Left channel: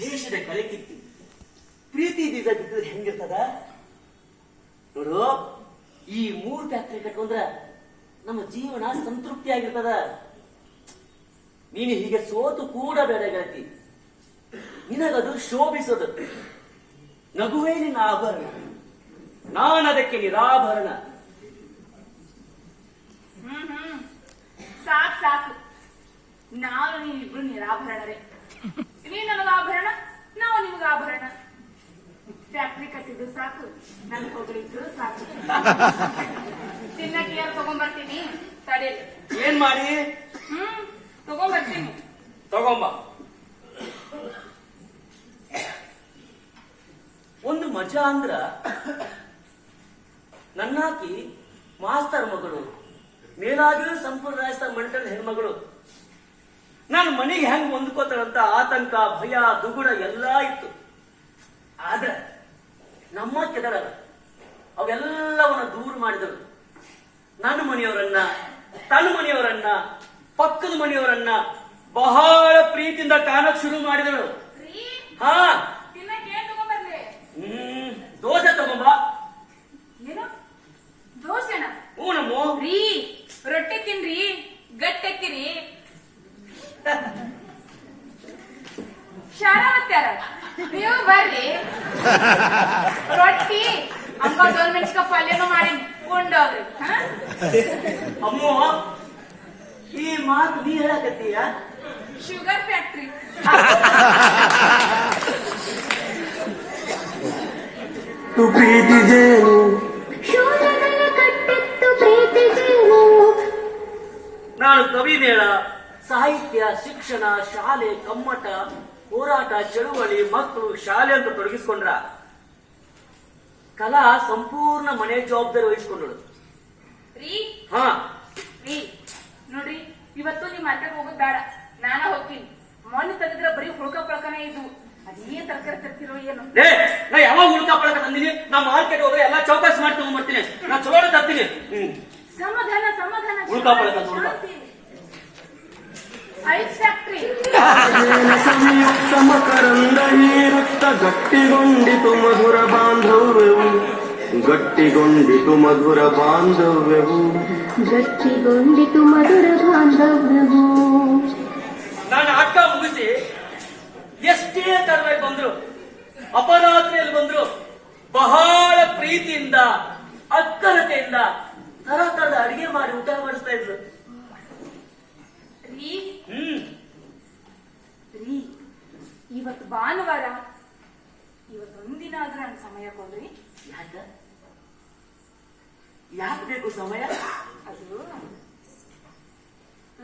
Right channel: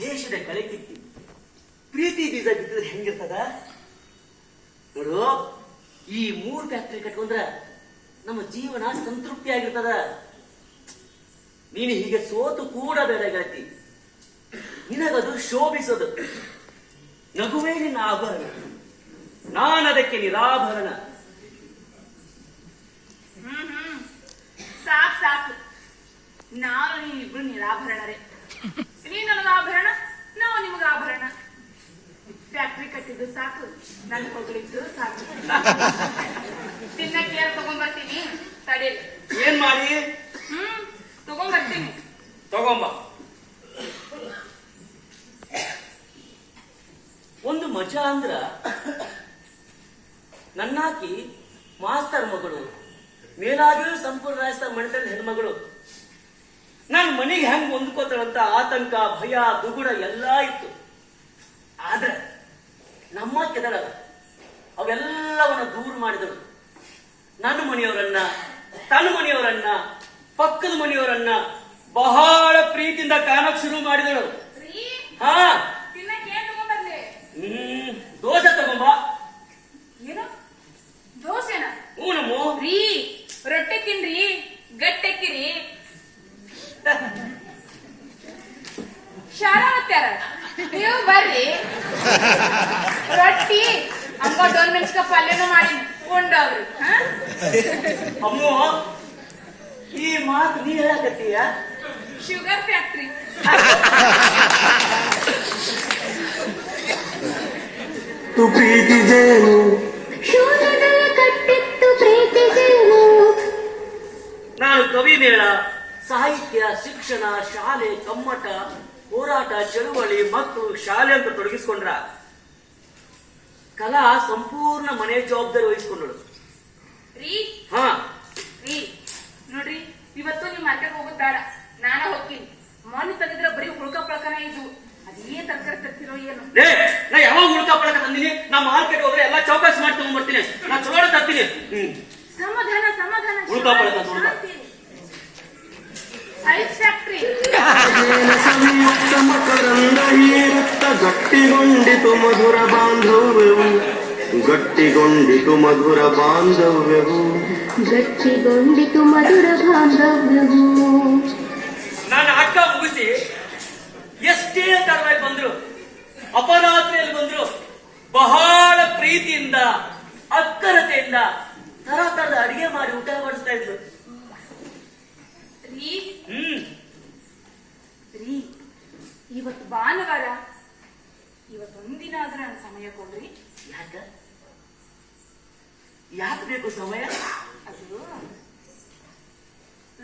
ದೇಶದ ಕಲೆ ಕಿತ್ತಿ. ಪ್ರೀತಿ ಬೀಜ ಬಿತ್ತಿದ್ರೆ ಹೆಂಗಿರ್ತದ? ನೋಡು, ಈ ಮೂರ್ ಫ್ಯಾಕ್ಟ್ರಿ ಕಟ್ಕೊಂಡ್ರ ನಮ್ಮ ಜೀವನ ಸಂತೃಪ್ತಿ ಆಗಿರ್ತದ ನೀನು ಹೀಗೆ ಸೋತು ಕೂಡ ಬೇಡ ಗೆಳತಿ. ನಿನಗದು ಶೋಭಿಸದು. ನಗುವೇ ನಿನ್ನ ಆಭರಣ. ನಾನದಕ್ಕೆ ನಿರಾಭರಣ. ಹ್ಮ್ ಹ್ಮ್. ಸಾಕ್, ಸಾಕು. ನಾನು ನೀವಿಬ್ರು ನಿರಾಭರಣರೇ. ನೀ ನನಗ ಆಭರಣ ಫ್ಯಾಕ್ಟ್ರಿ ಕಟ್ಟಿದ್ದು ಸಾಕು. ನನ್ನ ಹೊಗಳಿದ್ದು ಸಾಕು. ತಿನ್ನಕ್ಕೆ ಏನ್ ತಗೊಂಡ್ಬರ್ತೀನಿ ತಡಿ. ಏನ್ ಮಾಡಿ? ಹ್ಮ್ ತಗೊಂಡ್ಬರ್ತೀನಿ ತಗೊಂಬ. ಒಂದು ಮಜಾ ಅಂದ್ರ ನನ್ನಾಕಿ ಮಾಸ್ತರ್ ಮಗಳು ಮೇಲಾಗಿಯೂ ಸಂಪೂರ್ಣ ರಾಜಸ್ಥಾನ ಮಂಡಲದ ಹೆಣ್ಮಗಳು. ನಾನು ಮನೆಗೆ ಹೆಂಗ್ ಹೊಂದ್ಕೋತಾಳಂತ ಆತಂಕ ಭಯ ದುಗುಡ ಎಲ್ಲಾ ಇತ್ತು. ಆದ್ರೆ ನಮ್ಮ ಕೆದರಲ್ಲ ಅವೆಲ್ಲವನ್ನ ದೂರ ಮಾಡಿದಳು ನನ್ನ ಮನೆಯವರನ್ನ ತನ್ನ ಮನೆಯವರನ್ನ ಪಕ್ಕದ ಮನೆಯವರನ್ನ ಬಹಳ ಪ್ರೀತಿಯಿಂದ ಕಾಣಕ್ ಶುರು ಮಾಡಿದಳು ರೀ ಹಾ. ಹ್ಮ್ ದೋಸೆ ತಗೊಂಬ. ಏನು? ದೋಸೆನ? ಹ್ಞೂ ರೀ ರೊಟ್ಟಿ ತಿನ್ರಿ ಗಟ್ಟೆಕ್ಕಿರಿ ಶಾರಾವತ್ಯಾರ ನೀವು ಬರ್ರಿ ರೊಟ್ಟಿ ಹಂಗ ದೊನ್ ಮೆಣಸಿನ ಪಲ್ಯನೂ ಮಾಡಿ ಉಂಡವ್ರಿ ಹಾ ಅಮ್ಮು ಈ ಮಾತು ನೀ ಹೇಳಕತ್ತೀಯ ಶುಗರ್ ಫ್ಯಾಕ್ಟ್ರಿ ತು ಪ್ರೀತಿ ಜೇನು ಶೂಲದಲ್ಲಿ ಕಟ್ಟಿತ್ತು ಪ್ರೀತಿಸೇನು ನಾನು ಕವಿ ಮೇಳ ಸಾಹಿತ್ಯ ಶಿಕ್ಷಣ ಶಾಲೆ ಕಮ್ಮಟ ಹೋರಾಟ ಚಳುವಳಿ ಮಕ್ಕಳು ಶಾಲೆ ಅಂತ ತೊಡಗಿಸ್ಕೊಂಡ್ರ ಕಲಾ ಸಂಪೂರ್ಣ ಮನೆ ಜವಾಬ್ದಾರಿ ವಹಿಸ್ಕೊಂಡಳು. ರೀ? ಹಾ. ರೀ ನೋಡ್ರಿ ಇವತ್ತು ನೀವು ಮಾರ್ಕೆಟ್ ಹೋಗೋದು ಬೇಡ. ನಾನ ಹೋಗ್ತೀನಿ. ಮೊನ್ನೆ ತಂದಿದ್ರ ಬರೀ ಹುಳ್ಕ ಪಳಕನ ಇದು. ಅದೇನ್ ತರಕಾರಿ ತರ್ತಿರೋ ಏನು. ಲೇ ನಾ ಯಾವಾಗ ಹುಡುಕ ಪಳಕ ತಂದಿನಿ? ನಾ ಮಾರ್ಕೆಟ್ ಹೋದ್ರೆ ಎಲ್ಲಾ ಚೌಕಾಸ್ ಮಾಡಿ ತಗೊಂಡ್ಬರ್ತೀನಿ ನಾ ಚಲೋ ತರ್ತೀನಿ. ಹ್ಮ್. ಸಮಾಧಾನ ಸಮಾಧಾನ. ಹುಡುಕ ಪಳಕ ಮಾಡ್ತೀನಿ ಶಾಂತಿ. ಹೀರುತ್ತ ಗಟ್ಟಿಗೊಂಡಿತು ಮಧುರ ಬಾಂಧವ್ಯವು. ಗಟ್ಟಿಗೊಂಡಿತು ಮಧುರ ಬಾಂಧವ್ಯವು. ಗಟ್ಟಿಗೊಂಡಿತು ಮಧುರ ಬಾಂಧವ್ಯವು. ನಾನು ಅಕ್ಕ ಮುಗಿಸಿ ಎಷ್ಟೇ ತರವಾಗಿ ಬಂದ್ರು ಅಪರಾತ್ರಿಯಲ್ಲಿ ಬಂದ್ರು ಬಹಳ ಪ್ರೀತಿಯಿಂದ ಅಕ್ಕರತೆಯಿಂದ ತರ ತರದ ಅಡಿಗೆ ಮಾಡಿ ಊಟ ಮಾಡಿಸ್ತಾ ಇದ್ರು ರೀ ಹ್ಮ್ ರೀ ಇವತ್ತು ಭಾನುವಾರ ಇವತ್ತೊಂದಿನ ಆದ್ರೂ ನನ್ನ ಸಮಯ ಕೊಡ್ರಿ. ಯಾಕ? ಯಾಕೆ ಬೇಕು ಸಮಯ? ಅದು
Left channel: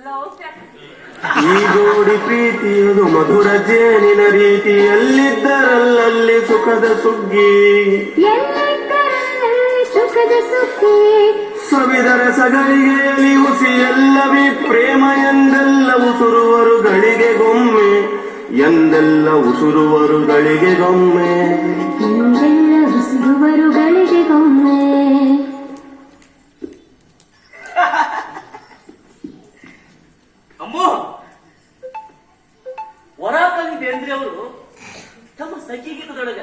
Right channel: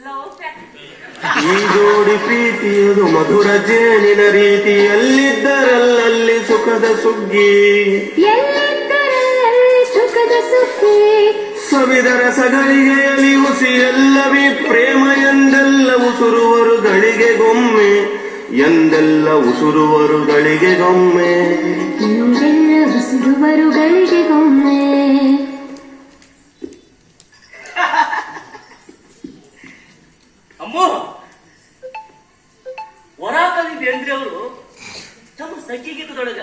ಲವ್ ಫ್ಯಾಕ್ಟ್ರಿ ಈ ಜೋಡಿ ಪ್ರೀತಿಯದು ಮಧುರ ಜೇನಿನ ರೀತಿ. ಎಲ್ಲಿದ್ದರಲ್ಲಲ್ಲಿ ಸುಖದ ಸುಗ್ಗಿ? ಸುಖದ ಸುಗ್ಗಿ? ಸವಿದರ ಸಗಲಿಗೆಯಲ್ಲಿ ಹುಸಿ ಎಲ್ಲವೇ ಪ್ರೇಮ ಎಂದೆಲ್ಲವೂ ಗಳಿಗೆಗೊಮ್ಮೆ ಎಂದೆಲ್ಲ ಉಸಿರುವರುಗಳಿಗೆ ಗೊಮ್ಮೆ ಎಂದೆಲ್ಲ ಉಸಿರುವರುಗಳಿಗೆ ಗೊಮ್ಮೆ ಅಮ್ಮ! ವರಾಕವಿ ಬೇಂದ್ರೆ ಅವರು ತಮ್ಮ ಸಖಿಗೀತದೊಳಗ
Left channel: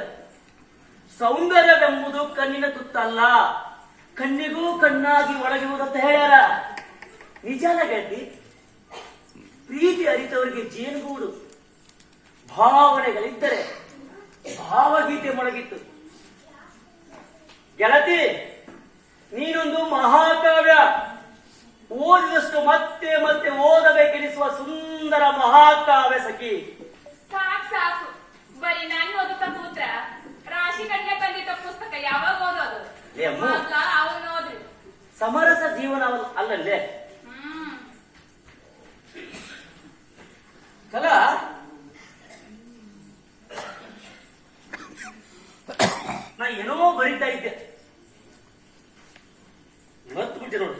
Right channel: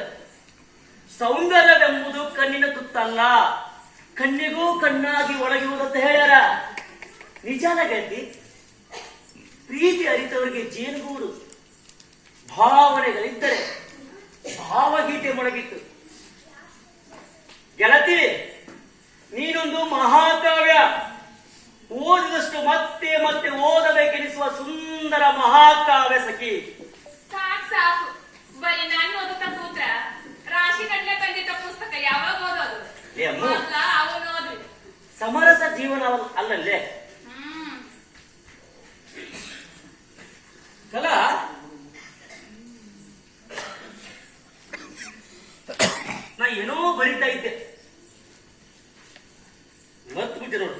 ಸೌಂದರ್ಯವೆಂಬುದು ಕಣ್ಣಿನ ತುತ್ತಲ್ಲ ಕಣ್ಣಿಗೂ ಕಣ್ಣಾಗಿ ಒಳಗಿರುವುದಂತ ಹೇಳ್ಯಾರ. ನಿಜಾನ ಗೆಳತಿ ಪ್ರೀತಿ ಅರಿತವರಿಗೆ ಜೇನುಗೂಡು. ಭಾವನೆಗಳಿದ್ದರೆ ಭಾವಗೀತೆ ಮೊಳಗಿತ್ತು. ಗೆಳತಿ ನೀನೊಂದು ಮಹಾಕಾವ್ಯ. ಓದಿದಷ್ಟು ಮತ್ತೆ ಮತ್ತೆ ಓದಬೇಕೆನಿಸುವ ಸುಂದರ ಮಹಾಕಾವ್ಯ ಸಖಿ. ಸಾಕ್ ಸಾಕು. ಬರೀ ನಾನು ಓದುತ್ತ ಕೂತ್ರ. ರಾಶಿ ಗಟ್ಲೆ ತಂದಿದ್ದ ಪುಸ್ತಕ ಯಾವಾಗ ಓದೋದು? ಸಮರಸ ಜೀವನ ಅಲ್ಲಲ್ಲೇ ಹ್ಮ್ ಕಲಾ ನಾ ಏನೋ ಬರಿತಾ ಇದ್ದೆ. ಮತ್ ಬಿಟ್ಟೆ ನೋಡು.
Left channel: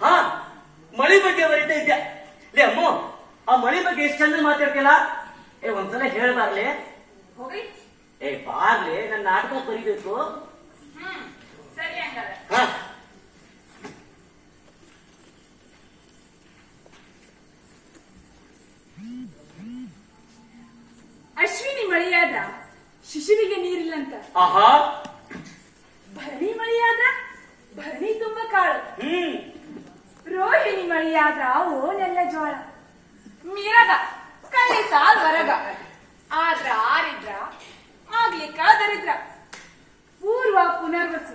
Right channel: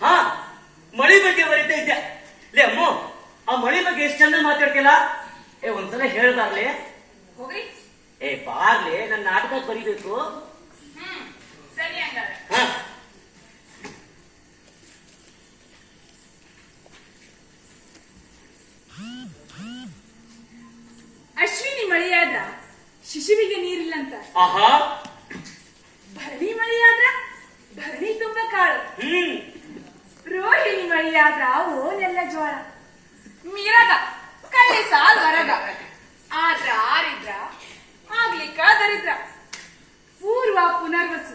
ಹಾ ಮಳಿ ಬಗ್ಗೆ ಬರಿತಾ ಇದ್ದೆ. ಲೇ ಅಮ್ಮ ಆ ಮಳಿ ಬಗ್ಗೆ ಎಷ್ಟು ಚಂದ ಮಾತಾಡ್ತಿಲ್ಲ ಏ ಒಂದ್ಸಲ ಹೇಳ್ಬಾರ್ಲೆ. ಏ ಬಾರ್ಲೆ ನನ್ನ ನಾಟಕ ಬರಿಬೇಕು ಹ್ಮ್ ಸರಿ ಹಂಗಾರೆ ಹಾ ಇಲ್ಲಂತ ಆಹಾ. ಭರಣಿ ಮಳೆಯಾದ್ರ ಭರಣಿ ತುಂಬ ಕಾಳು ಹ್ಮ್. ರೋಹಿಣಿ ಮಳಿಯಾದ್ರ ಓನೆಲ್ಲ ಜ್ವರ. ಮೀರದ ಕಳ್ಳಿ ಸಾಲ್ ಹೊರಗ ಆದ್ರ ಆರಿದ್ರ ಆಗ್ಲಿಕ್ಕ ದರಿದ್ರ. ಪೂರ್ವ ಪುನರ್ವಸು.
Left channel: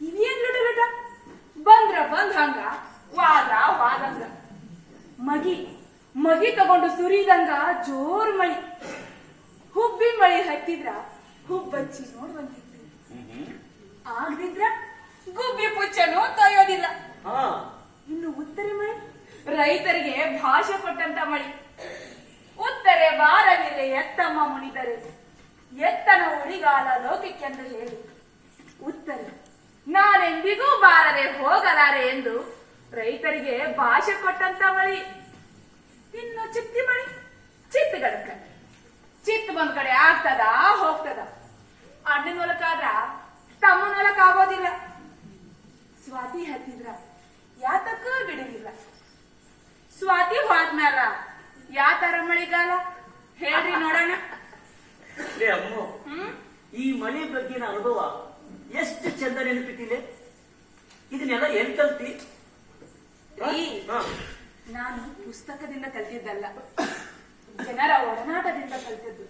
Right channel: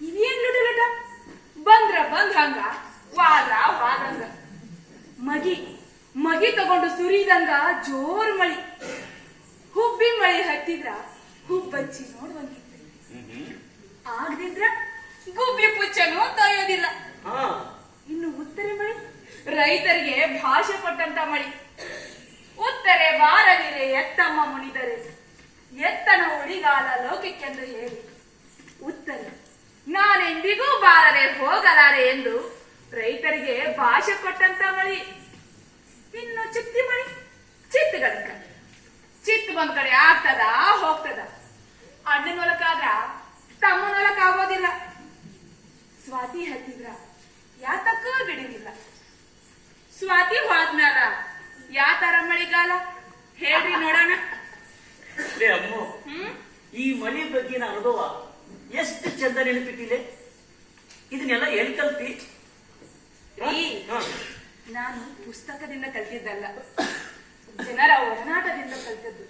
ಇದೇನ್ ಲುಟ ಲುಟ? ಬಂದ್ರ ಬಂದ್ ಹಂಗ ವಾದ್ರ ವಾದಂಗ. ಮಗಿ ಮಗಿ ತಗೊಂಡು ಸುರಿದಂಗ ಜೋರ್ ಮಳಿ. ಹುಬ್ಬಿ ಮಳಿ ಹತ್ತಿದ್ರ ಹುಬ್ಬಚ್ಚಿ ನೋಡ್ವಂಗಿತ್ತು ಆಗದಿದ್ರ ಗುಬ್ಬಿ ಪುಚ್ಚನು ತೊಯ್ಯೋದಿಲ್ಲ ಹಾ. ಇನ್ನು ಉತ್ತರೆ ಮಳಿ? ರೈತರಿಗೆ ಭಾಷೆ ಪಟ್ಟಂತ ಮಳಿ. ಉತ್ತರೆ ಬಾರಲಿರೆ ಎತ್ತಮ್ಮ ಮುನಿದರೆ. ಎತ್ತನ ಉಳಿಗಾಲ ಲೋಕಕ್ಕೆಂದು ಹೇಳಿ. ಉತ್ತರ. ನಾನೆಂದಿಗೂ ಬಾರರೆ ಹೋಗಲಾರೆ ಎಂದು ರೈತರಿಗೆ ಭಾಷೆ ಕೊಟ್ಟಂತ ಮಳಿ. ಇನ್ನು ಚಿತ್ತಿ ಮಳಿ ಚಿತ್ತ ಗಡಕ ಚಿತ್ತ ಬಂದ್ ಕಡೆ ಆಗ್ತದ ಹೋಗ್ತದ. ಅಣ್ಣನ ಹೊಲಕ್ಕಾದ್ರ ತಮ್ಮನ ಹೊಲಕ್ ಆಗೋದಿಲ್ಲ. ಸ್ವಾತಿ ಹತ್ತಿದ್ರ ಯಾತಕ್ಕ ಬಿಡುವಿಲ್ಲ ಸ್ವಾತಿ ಹೋದ್ಮ್ಯಾಲ ಯಾತರ ಮಳಿಗಾಲ? ಹೇಳ್ರಿ ನೋಡೋಣ. ಹ್ಮ್? ಈ ಮಳಿ ಬಗ್ಗಿನ ಅನುಭವ ಎಷ್ಟು ಚಂದ ನೆನಪಿಟ್ಟಿಲೆ? ಇದನ್ನೆಲ್ಲ ಎಲ್ಲಿ ಕಲ್ತಿ? ನಾನು ಪುಸ್ತಕದಿಂದ ಕಲ್ತಿದ್ದಲ್ಲ. ಜನರ ಒಡನಾಟದಿಂದ ಕಲ್ತದ್ದು.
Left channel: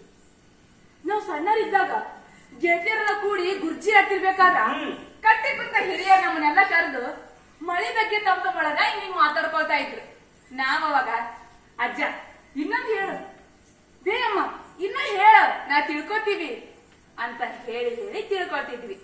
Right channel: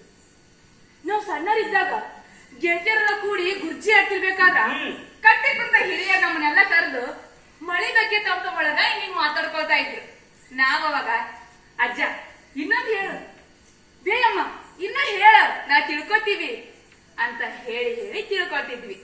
ನಾವು ಸಣ್ಣರಿದ್ದಾಗ ಗೆಳತಿಯರೆಲ್ಲ ಕೂಡಿ ಗುರ್ಜಿ ಹಾಕಿರ್ಬೇಕಾದ್ರ. ಕಟ್ಟಿ ಕುಂತ ಹಿರಿಯ ನಮ್ಮನ್ನೆಲ್ಲ ಕರೆದು ಮಳೆ ಬಗ್ಗೆ ತಮ್ಮ ತಮ್ಮೊಳಗ ಹಿಂಗ್ ಮಾತಾಡ್ಕೊಳ್ತಾ ಇದ್ರು. ನಾವಾಗ ಅವಾಗ ಅಜ್ಜ ಇನ್ನೊಂದು ಹೇಳು. ಬೇಯಮ್ಮ ಇನ್ನೂ ಹೇಳ ನಾ ತಿಳ್ಕೊತೀವಿ ಅಂತ ಹೇಳಿ ಹೇಳಿ ತಿಳ್ಕೊಳ್ತಿದ್ವಿ.